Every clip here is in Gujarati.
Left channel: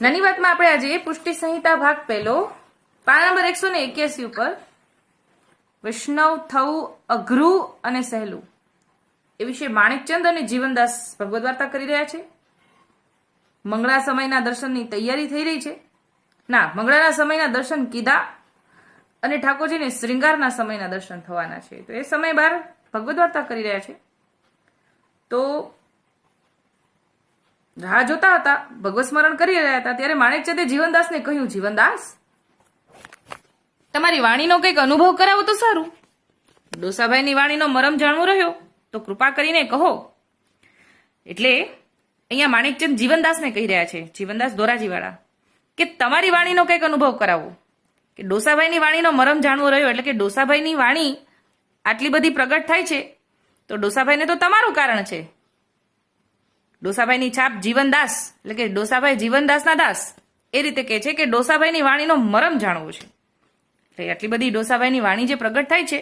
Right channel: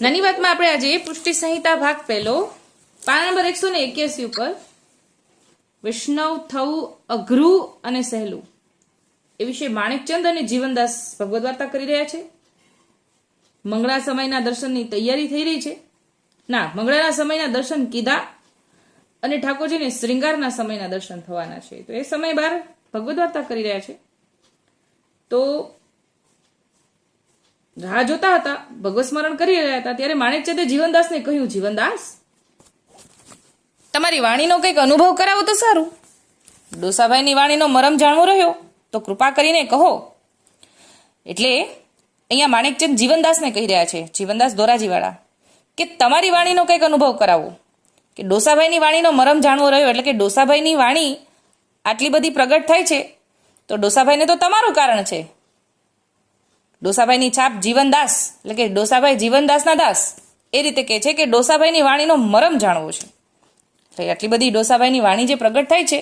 નાની વાતમાં આપણે આજે પુષ્ટિ સંહિતા ભાગ પહેલો પાના નંબર 181 ઉપર વૈષ્ણવ થવું અઘરું અને સહેલું એ વિશે માણેકચંદ અને જીવનદાસ ભગવદ વાર્તા કરી રહ્યા છે. મંગળા સમયના દર્શનની તૈયારી થઈ રહી છે. મંગળાના સમયના દર્શન કીધા અને ઠાકોરજીને શ્રૃંગારના સમયના દર્શન થવાના છે. તો એ સમય બાર ભગવદ વાર્તા કરી રહ્યા છે. તો રાહ જોતા હતા, ભગવત સ્મરણ કરી રહ્યા હતા, ત્યારે માણેકચંદે જીવનદાસને કહ્યું, જીવનદાસ, તમારી વાણીનો કંઈક અનુભવ કરાવો તો સારું. ડોસાભાઈની વાણીનો મરમ જાણવો રહ્યો તો કૃપા કરીને કહો. એટલે અહીંયા માણેકચંદ જીવનદાસને કહી રહ્યા છે, જીવનદાસ ધોરાજીવાળા, કે તમારી વાણીનો કંઈક અનુભવ કરાવો. કે ડોસાભાઈની વાણીનો મરમ જાણવો રહ્યો એટલે કે ડોસાભાઈની વાણી આટલી બધી પ્રગટ થાય છે તો ડોસાભાઈને તો તમારું કારણ છે. ડોસાભાઈની છાપ જીવનદાસ એટલે કે ડોસાભાઈ જીવનદાસના દાસ એ રીતે કહે છે કે ડોસાભાઈની વાણીનો મરમ જાણવો છે. એટલે આટલી બધી ડોસાભાઈની વાણી જે પ્રગટ થાય છે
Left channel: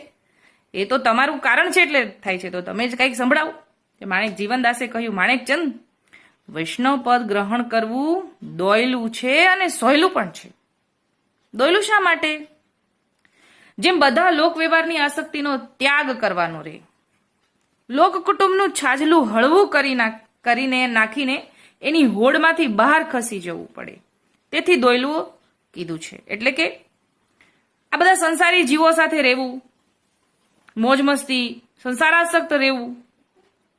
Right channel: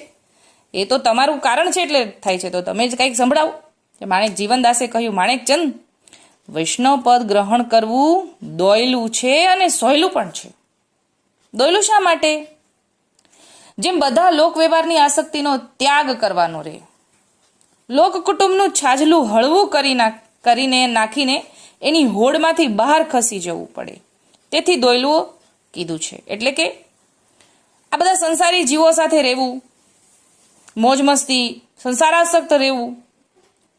એ તો તમારું કારણ છે એટલે થાય છે, તો તમે જ કંઈક સંભળાવો. કે માણેક જીવનદાસે કહ્યું, માણેકચંદ, વૈષ્ણવ પદ ગ્રહણ કરવું દોયલું છે અને સહેલું પણ છે. દોયલું શા માટે? જેમ બધા લોક વ્યવહારની આસક્તિનો ત્યાગ કરવાનો રહે, લોક કુટુંબનું છાજલું હળવું કરીને નાખીને એની હોડમાંથી બહાર ખસી જવું પડે, તેથી દોયલું કીધું છે. એટલે કે આ બધા સંસારી જીવો સાથે રહેવું, મોજ મસ્તી, સંસારાસક્ત રહેવું,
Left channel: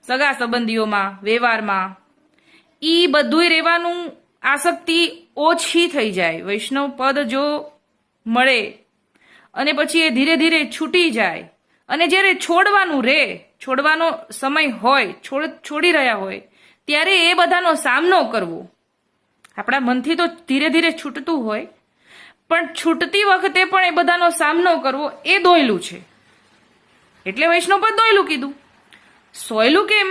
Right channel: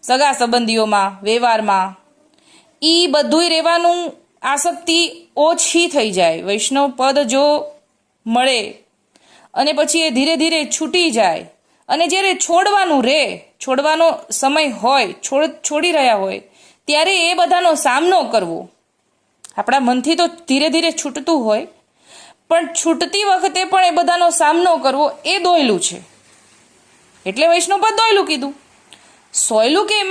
સગા સંબંધીઓમાં, વ્યવહારમાં, એ બધુંય રહેવાનું આસક્તિ ઓછી થઈ જાય. વૈષ્ણવ પદ જો મળે અને પછી એ ધીરે ધીરે છૂટી જાય અને જ્યારે છોડવાનું રહે, છોડવાનો સમય હોય, છોડી રહ્યા હોય, ત્યારે એ બધાનો સામનો કરવો. આપણા મનથી તો ધીરે ધીરે છૂટતું હોય, પણ છૂટતી વખતે પણ એ બધાનો સામનો કરવો એ દોયલું છે. એટલે વૈષ્ણવ પદ દોયલું કીધું. સોયલું કેમ?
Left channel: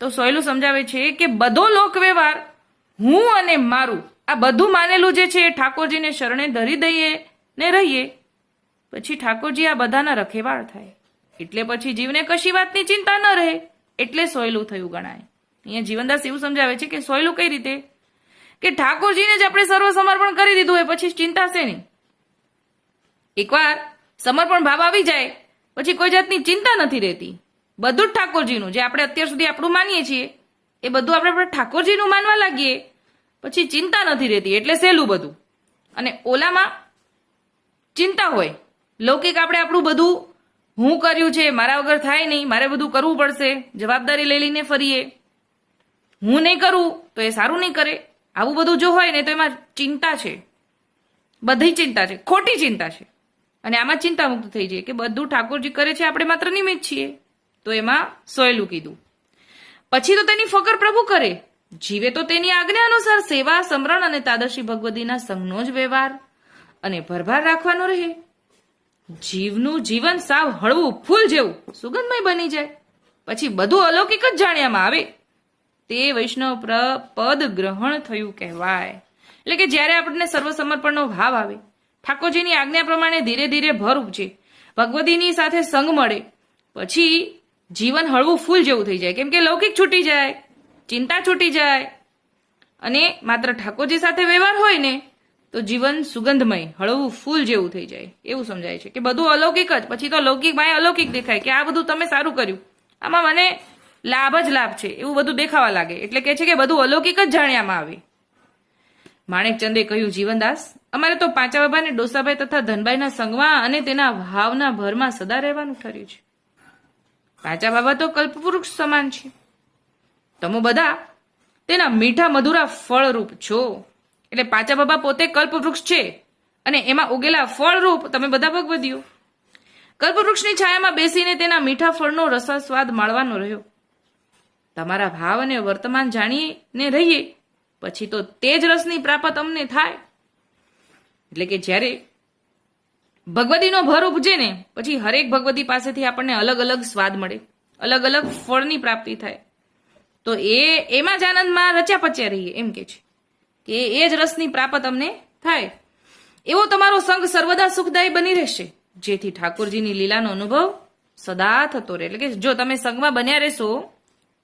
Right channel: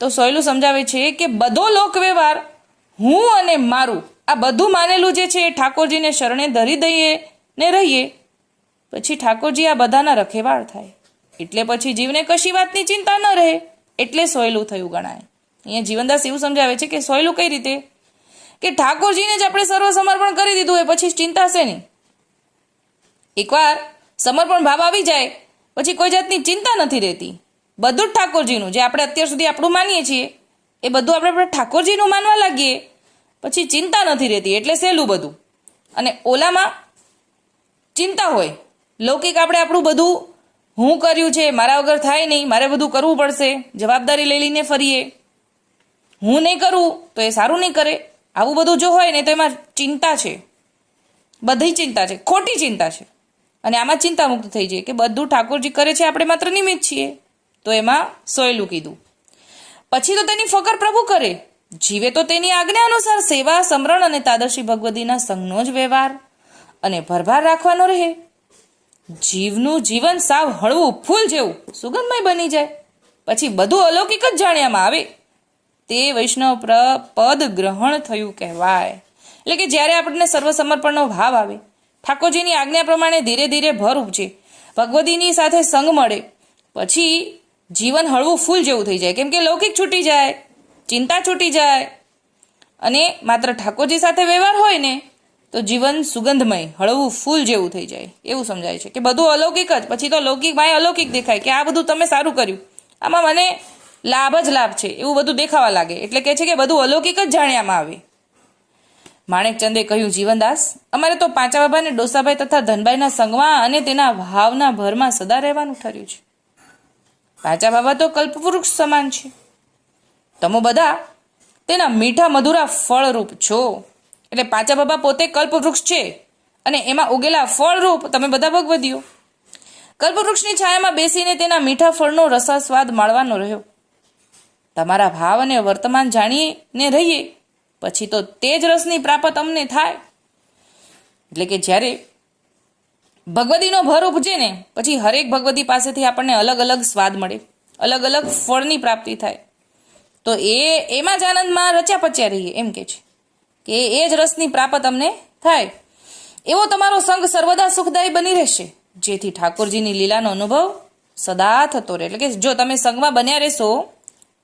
તો સોયલું સમજાવે છે કે બધો લોક વ્યવહાર હું અને મારું આ બધું માનેલું જે છે એ ઠાકોરજીને શરણે ધરી દઈએ ને રહીએ, પછી ઠાકોરજી આ બધાના રખેવાળ થાય. એટલે પછી જીવને કશી વાતની ચિંતા ન રહે, એટલે સોયલું થયું ગણાય. અહીંયા જીવનદાસ એવું સમજાવે છે કે સોયલું કઈ રીતે? કે ઠાકોરજીને જ આપણે સર્વ સમર્પણ કરી દીધું હોય, પછી ચિંતા છે નહીં. એકવાર સમર્પણ ભાવ આવી જાય પછી કોઈ જાતની ચિંતા નથી રહેતી. બધું જ ઠાકોરજીનું, જે આપણે અત્યાર સુધી આપણું માનીએ છીએ એ બધું આપણે ઠાકોરજીનું માનવા લાગીએ પછી ચિંતા નથી રહેતી, એટલે સહેલું બધું. અને ઓલામાં ચિંતા હોય, લૌકિક આપણે આપણું બધું હું કર્યું છે, મારા વગર થાય નહીં, મારે બધું કરવું પડશે, જવાબદારી લઈ લઈને ફરીએ, હું નહીં કરું તો એ સારું નહીં કરે, આવું બધું જો હોય ને તો એમાં ચિંતા છે, બધી ચિંતા છે, ખોટી ચિંતા છે. અને આમાં ચિંતા મુક્ત થઈ જાય કે બધું ઠાકોરજી કરે છે, આપણે માત્ર નિમિત્ત છીએ, તો એમાં સોયલું કીધું. પછી તો તેની ફકર પ્રભુ કરે, જીવે તો તેની આજ્ઞા અનુસાર સેવા, સમરણ અને તાદર્શી ભગવદીના સંગનો જ વ્યવહાર અને ભરભાર રાખવાનો રહે. જીવનું જીવન સાવ હળવું ફૂલ જેવું સુગંધમય બની જાય, પછી બધું અલૌકિક જ જાણ્યામાં આવે, તે વૈષ્ણવ પદ ગ્રહણ થયું કહેવાય. એટલે કે જ્યારે આપણને સર્વ સમર્પણનો ભાવ આવે, ઠાકોરજીની આજ્ઞા પ્રમાણે ધીરે ધીરે ભર ઉપજે, ભગવદીની સાથે સંગ મળે, પછી જીવન હળવું ફૂલ જેવું થઈ જાય. કેમ કે લૌકિક છૂટી જાય, ચિંતા છૂટી જાય અને માત્ર ઠાકોરજી સાથે વ્યવહાર હોય ને તો જીવન સુગંધમય હળવું ફૂલ જેવું થઈ જાય. એવું સમજાય છે કે બધું અલૌકિક જ, પછી તો લૌકિક માય અલૌકિક દેખાય કે આ બધું તમે સારું કર્યું, આમાં મને લાભ જ લાભ છે, એવું બધું દેખાવા લાગે. એટલે કે છે કે બધું અલૌકિક જ જાણ્યામાં આવે. માણેકચંદે કહ્યું, જીવનદાસ, અમારે તો પાંચા બાબા ને ડોસાભાઈ તથા ધનભાઈના સંગમાં અને તેના ભાવના ભરમાં સદા રહેવાનું ઠર્યું છે. પાંચા બાબા તો કલ્પવૃક્ષ સમાન છે, તમે બધા તેના મીઠા મધુરા ફળરૂપ છો. એટલે પાંચા બાબા પોતે કલ્પવૃક્ષ છે અને એમાં ઉગેલા ફળરૂપ તમે બધા ભગવદીઓ. કલ્પવૃક્ષની છાયામાં બેસીને તેના મીઠા ફળનો રસાસ્વાદ માણવાનો રહ્યો. તમારા ભાવ અને વર્તમાન જાણીને રહીએ પછી તો તે જ રસની પ્રાપ્ત અમને થાય. એટલે કે જ્યારે ભગવદીનો ભર ઉપજે ને પછી હરેક ભગવદી પાસેથી આપણને અલગ અલગ સ્વાદ મળે, અલગ અલગ ફળની પ્રાપ્તિ થાય, તો એમાં જ આનંદમાં રચ્યા પચ્યા રહીએ. એમ કે છે કે એ જ રસની પ્રાપ્ત અમને થાય. એવો તમારો સંગ સર્વદા સુખદાયી બની રહેશે, જેથી ઠાકોરજીની લીલાનો અનુભવ સદા થતો રહે. એટલે કે જો તમે સંગમાં બન્યા રહેશો,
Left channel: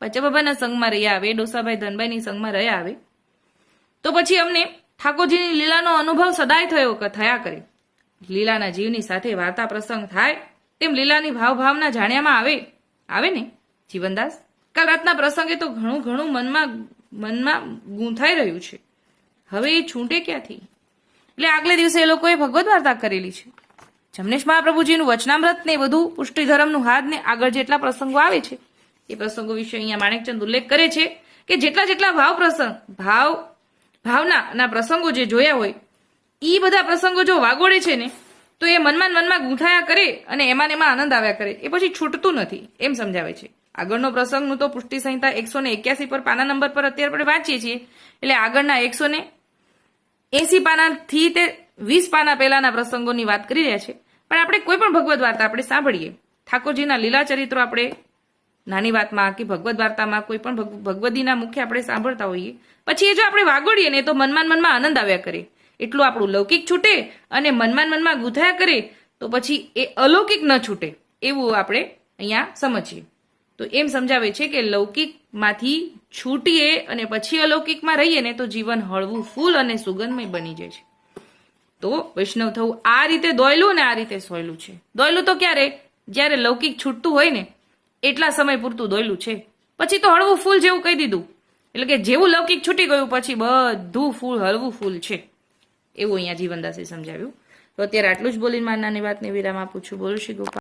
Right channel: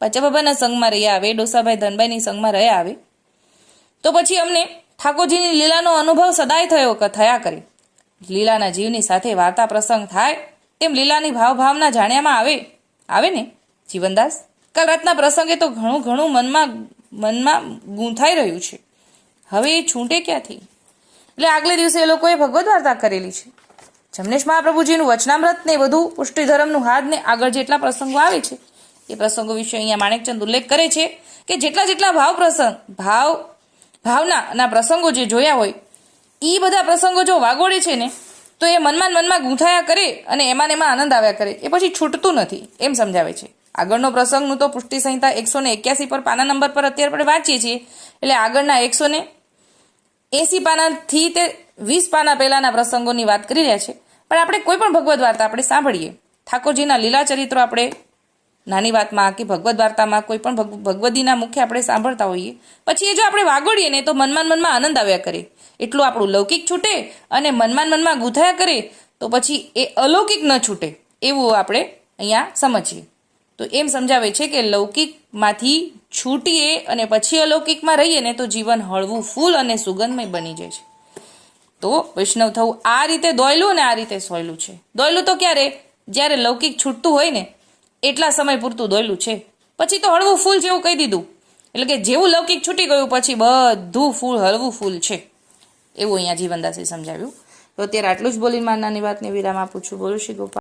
પાંચા બાબાના સંગમાં રહ્યા આવે, ડોસાભાઈ ધનભાઈની સંગમાં રહ્યા આવે, તો પછી અમને ઠાકોરજીની લીલાનો અનુભવ સદાય થયા કરે. લીલાના જીવની સાથે વાર્તા પ્રસંગ થાય તેમ લીલાની ભાવના જાણ્યામાં આવે ને જીવનદાસ. કાલ રાતના પ્રસંગે તો ઘણું મનમાં ગૂંથાઈ રહ્યું છે. હવે એ છૂટે ક્યાંથી? એટલે આગલે દિવસે એ લોકોએ ભગવદ વાર્તા કરેલી છે. જમનેશ મહાપ્રભુજીનું વચનામૃત ને બધું પુષ્ટિધર્મનું હાથ ને આગળ જેટલા પ્રસંગો આવે છે એ પ્રસંગો વિશે અહીંયા માણેકચંદ ઉલ્લેખ કરે છે કે જેટલા ભાવના પ્રસંગો જે જોયા હોય એ બધા પ્રસંગો જો વાગોડે છે ને તો એ મનમાં ગૂંથાયા કરે અને એમાં આનંદ આવ્યા કરે, એ પછી છૂટતું નથી એમ સમજાવે છે. આગળનો પ્રસંગનું તો પુષ્ટિ સંહિતા 181 પર પાના નંબર પર અત્યારે આપણે વાંચીએ છીએ. એટલે આગળના 180 પાનાથી તે 20 પાના પહેલાના પ્રસંગોની વાત કરી રહ્યા છે. પણ આપણે કોઈ પણ ભગવદ વાર્તા આપણે સાંભળીએ, ઠાકોરજીના લીલા ચરિત્રો આપણે નાની વાતમાં કે ભગવદ વાર્તામાં કોઈ પણ ભગવદીના મુખે આપણે સાંભળતા હોઈએ, પછી એ જો આપણે વાગોડીએ ને તો મનમાં આનંદ આવ્યા કરે. એટલું આપણું લૌકિક છૂટે અને મનમાં ગૂંથાયા કરે તો પછી એ અલૌકિક ન છૂટે એવું આપણે અહીંયા સમજીએ. તો એમ સમજાવે છે કે લૌકિકમાંથી છૂટીએ અને પછી અલૌકિકમાં રહીએ ને તો જીવન હળવું ફૂલ અને સુગંધમય બની જાય છે. તો વૈષ્ણવ થવું આ રીતે દોયલું ને આ રીતે સોયલું છે. દોયલું તો ક્યારે? જ્યારે લૌકિક છૂટતું હોય ને એટલા સમય પૂરતું દોયલું છે. પછી તો હળવું ફૂલ જેવું કહી દીધું. એટલે કે જેવું લૌકિક છૂટી ગયું પછી બધું ફૂલ હળવું ફૂલ છે એવું અહીંયા જીવનદાસે સમજાવ્યું. તો અત્યારે આટલું જ બોલીને મારી નાની વાતને વિરામ આપું છું. બોલું શ્રી ગોપાલ.